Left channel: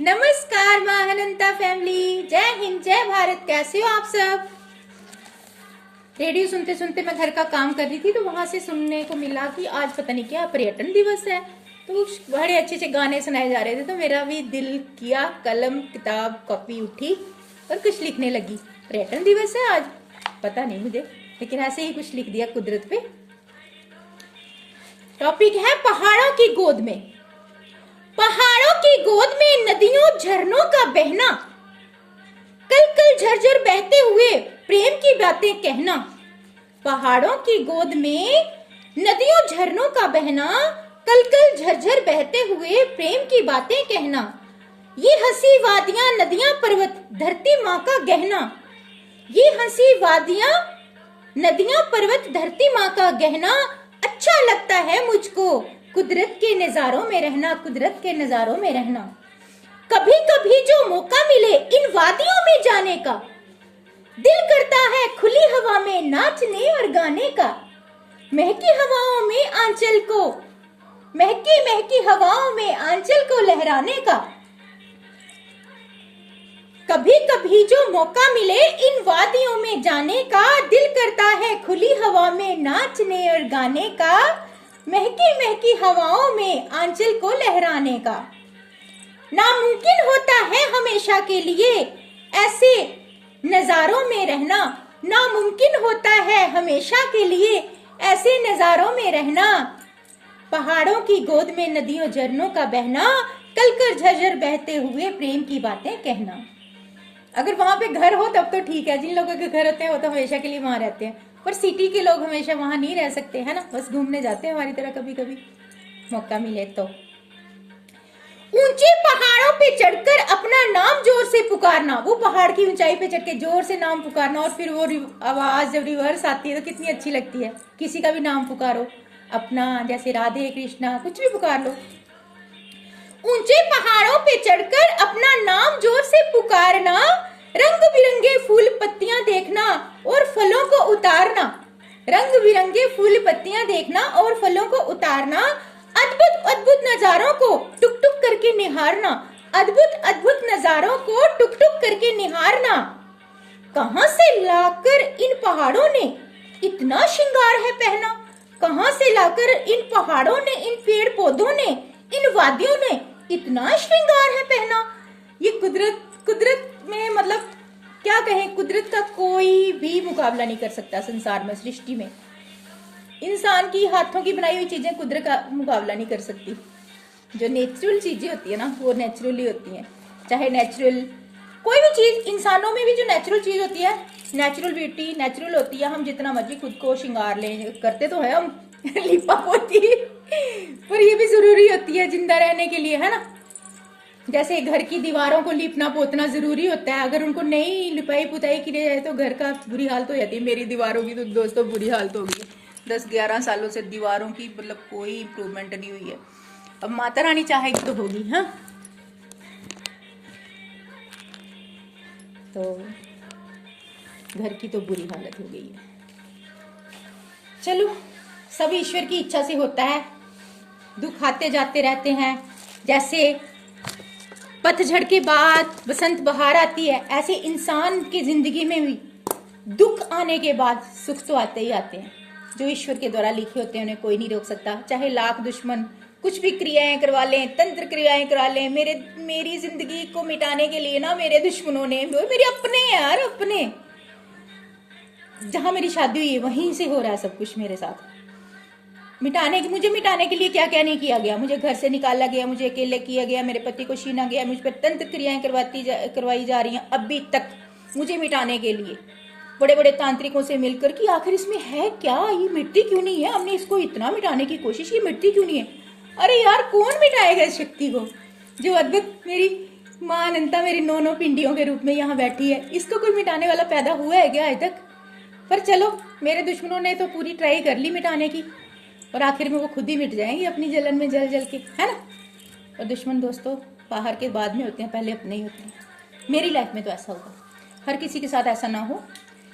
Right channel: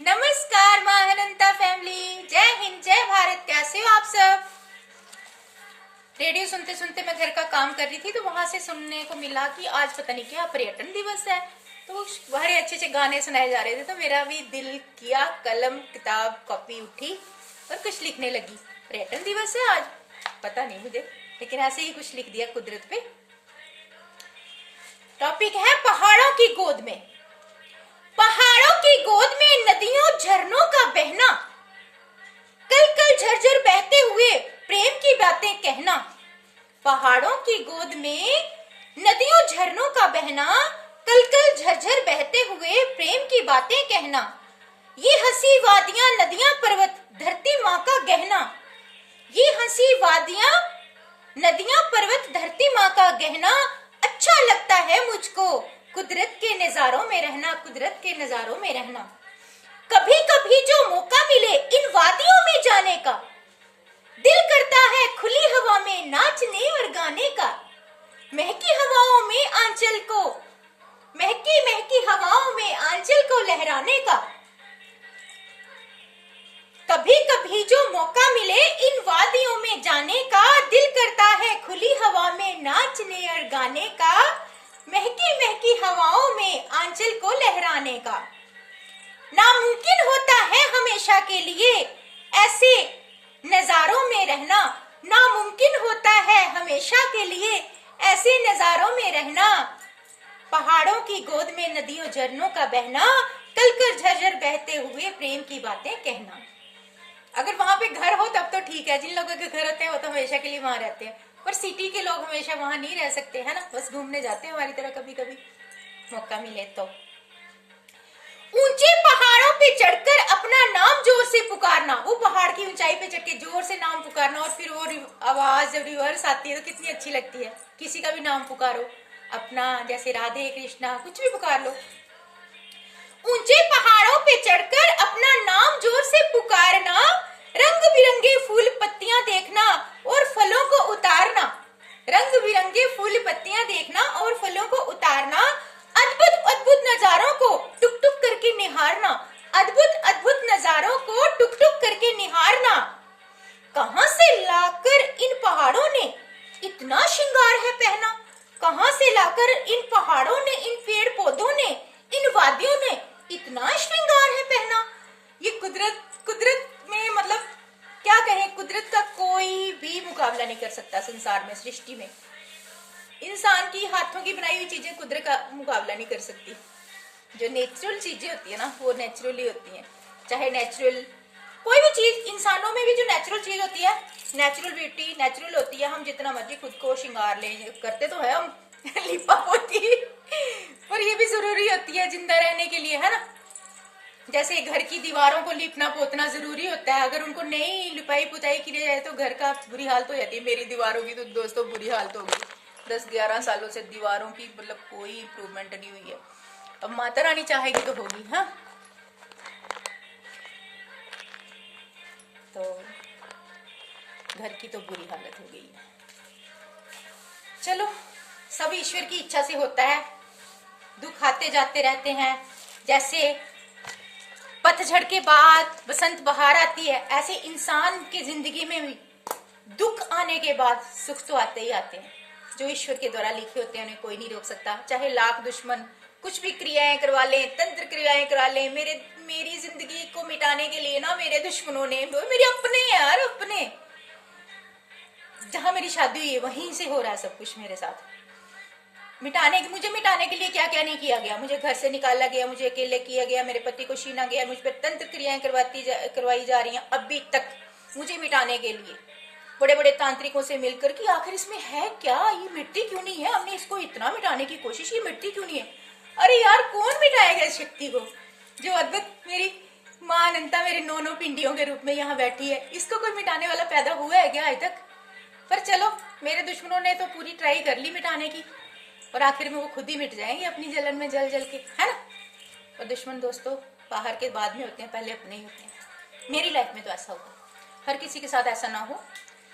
नमस्कार महानंता फैमिली, जय हिंद जय भारत। कैसे हो आप सब? रेडियो सुनते सुनते मैं घर का काम कर रही थी तो वहां से सुनने को मिला कि आज पता नहीं क्या पर्यटन दिवस है। तो बड़े अच्छे अच्छे गाने सुनाए जा रहे थे तो मेरा भी दिल किया, कलम किताब कॉपी उठी और कुछ लिखने लगी। पर्यटन दिवस है आज, पता नहीं मुझे, लेकिन ऐसे ही कुछ लिख दिया कुदरत पे। टॉपिक है पहाड़ों की गोद में। पहाड़ों की गोद में नदियों झरनों का बहना, कल कल झरझर बहते हुए प्रेम की बातें कहना। पहाड़ों की गोद में नदियों झरनों का बहना, कल कल झरझर बहते हुए प्रेम की बातें कहना। ये हंसी वादियां नदियां पर्वत धरती माँ का गहना। ये हंसी वादियां नदियां पर्वत धरती माँ का गहना। अच्छा लगता है मुझको कुदरत के नजारों में रहना, कुदरत के नजारों में रहना। कभी कभी जो मौका मिले इन वादियों में जाने का, दिल करता है खुली हवा में नाचने और गाने का। महकी हवाओं में आंचल को, महकी महकी हवाओं में आंचल को लहराने का। कभी कभी जो मौका मिले इन वादियों में जाने का, दिल करता है खुली हवा में नाचने और गाने का। महकी महकी हवाओं में आंचल को लहराने का। नामुमकिन होता है हमेशा के लिए ऐसे नजारों में रहना। नामुमकिन होता है हमेशा के लिए ऐसे नजारों में रहना। पहाड़ों की गोद में नदियों झरनों का बहना, कल कर झरझर बहते हुए प्रेम की बातें कहना। अगर वहां पे घर हो तब तो ठीक है, जिन लोगों के घर होते हैं वो तो हमेशा के लिए वहां रहते हैं, पर सिटी के लोग हमेशा वहां नहीं रह सकते, है ना। बस घूमने जाते हैं हमारी तरह, कभी कभी मौका मिले तो। ऊंचे पहाड़ों पे चढ़कर अपना नाम जोर से पुकारना। वो पहाड़ की ऊंचाई पे चढ़ के जोर से नाम पुकारना और फिर वो आवाज जब रिवर्स आती है तो कितनी अच्छी लगती है। किसी का भी नाम पुकारो अपना, जैसे राधे कृष्णा कुछ भी पुकार लो। ऊंचे पहाड़ों पे चढ़कर अपना नाम जोर से पुकारना, रंग बिरंगे फूल पत्तियां देखना और फलों को उतारना। रंग बिरंगे फूल पत्तियां देखना और फलों को उतारना। अद्भुत अद्भुत नजारों को टुक टुक करके निहारना। अद्भुत अद्भुत नजारों को टुक टुक करके निहारना। कहां से लाकर इन पहाड़ों ने इतना श्रृंगार है पहना। कहां से लाकर इन पहाड़ों ने, इन पेड़ पौधों ने, इन वादियों ने इतना श्रृंगार है पहना। ये कुदरत में मतलब क्या कहें, कुदरत का कोई भी मुकाबला नहीं कर सकता संसार में, सृष्टि में। इंसान की हाथों की बनाई हुई चीजें कुदरत का मुकाबला नहीं कर सकती। जो नेचुरल चीजें होती है ना, वो नेचुरली होती हैं। चाहे नेचुरल कोई भी चीज, इंसानों में भी जो नेचुरल चीज होती है, नेचुरल ब्यूटी नेचुरल होती है। हम जितना मर्जी खुद को श्रृंगार लें, करते तो है हम लिपा पोती, पर ये भी जरूरी होती है जिंदा रहने के लिए, है ना। जैसे घर की दीवारों को लिपना पोतना जरूरी होता है, अगर उनको नहीं लिपाई पुताई की जाए तो घर का बुरी हालत हो जाती है। मेरी दीवारों की तो दोस्तों बुरी हालत हो गई। 10-11 सालों से दीवारों की मतलब कोई इम्प्रूवमेंट नहीं हुई है। अब माता रानी चाहेगी तो होगी। हाँ, तो घर की तो बुरी हालत हो गई है। चलो, सब ईश्वर की इच्छा से होता है। दुख आते जाते रहते हैं। जैसे पतझड़ के बाद बसंत बहार आती है, ऐसे इंसान की जिंदगी में भी दुख आने के बाद सुख तो आते ही आते हैं। जो ईश्वर के द्वारा लिखे होते हैं उन्हें कोई नहीं रोक सकता। चाहे लाख दुश्मन कुछ भी क्रियाएं करवा लें, तंत्र क्रियाएं करा लें, मेरी जिंदगी को मिटाने के लिए ना मेरे दुश्मनों ने, मेरे अपने यार अपने, जहां मेरी शादी हुई है वहीं से हो रहा है सब कुछ मेरे साथ। मुझे मिटाने के लिए क्या क्या नहीं किया गया। मुझे घर से निकाला गया, मुझे अकेले किया गया, मेरे पति को छीना गया, मुझ पर तंत्र क्रियाएं करवाई जा रही हैं अभी तक मुझे मिटाने के लिए, बड़े बड़े तांत्रिकों से मिलकर कि आखिर इसमें है क्या, ये मिट्टी क्यों नहीं है, हमने इसको इतना मिटाने की कोशिश, ये मिट्टी क्यों नहीं है। अरे यार, कौन मिटाएगा इस शक्ति को जो अद्भुत मेरी माँ अनंता मेरी 9 पिंडियों के रूप में यहाँ बैठी है। इसको कोई मिटाने वाला पैदा हुआ है क्या आज तक? पर चलो, मेरे दुश्मनों ने तो पूरी ट्राई कर ली मिटाने की, और आखिर में वो खुद ही मिट जाएंगे अपनी जलन में जल जल के, है ना। और दुश्मन दोस्तों बाहर के बाद में होते हैं, पहले अपने ही होते हैं। मेरी लाइफ में तो ऐसा हुआ, हर किसी के साथ ऐसा ना हो।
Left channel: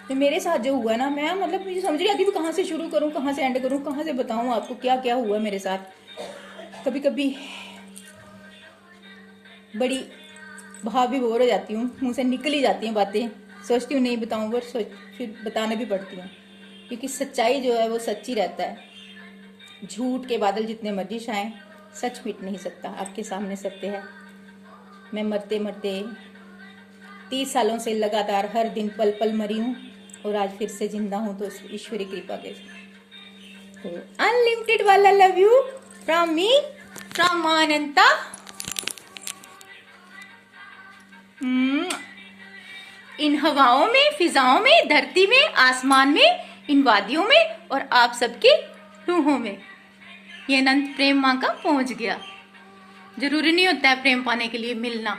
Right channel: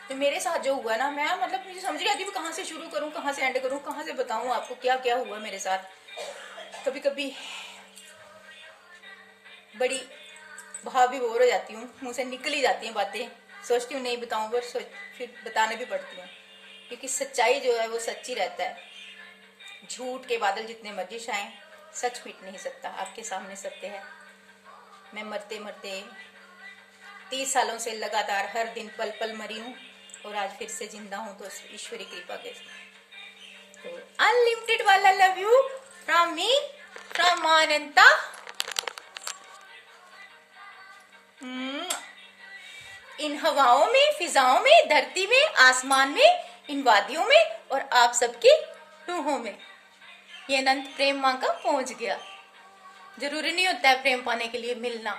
तो मेरे साथ जो हुआ ना, मैं मतलब मुझे समझ नहीं आती कहाँ से शुरू करूँ, कहाँ से एंड करूँ, कहाँ से बताऊँ आपको क्या क्या हुआ मेरे साथ। कभी कभी बड़ी भाव भी बोर हो जाती हूँ, मुंह से निकल ही जाती हैं बातें, सोचती हूँ नहीं बताऊँ पर फिर बताने भी पड़ती हैं, क्योंकि सच्चाई जो है वो सच्ची रहता है। झूठ के बादल जितने मर्जी छाएं, सच मिट नहीं सकता। आपके सामने सत्य है। मैं मरते मरते 30 सालों से लगातार हर दिन पल पल मरी हूँ और आज फिर से जिंदा हूँ, तो ईश्वरी कृपा के। तो अनलिमिटेड वाला love you from me, from Ananta. इन हवाओं में, फिजाओं में, धरती में, आसमान में, इन वादियों में और आप सबके रूहों में ये अनंत प्रेम माँ का पहुंच गया। जरूरी नहीं होता है प्रेम पाने के लिए मिलना।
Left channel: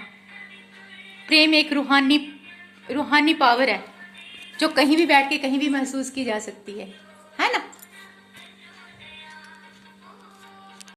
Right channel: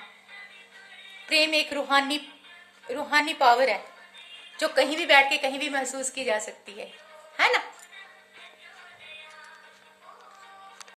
प्रेम एक रूहानी पावर है जो कहीं भी बैठ के कहीं भी महसूस की जा सकती है ना।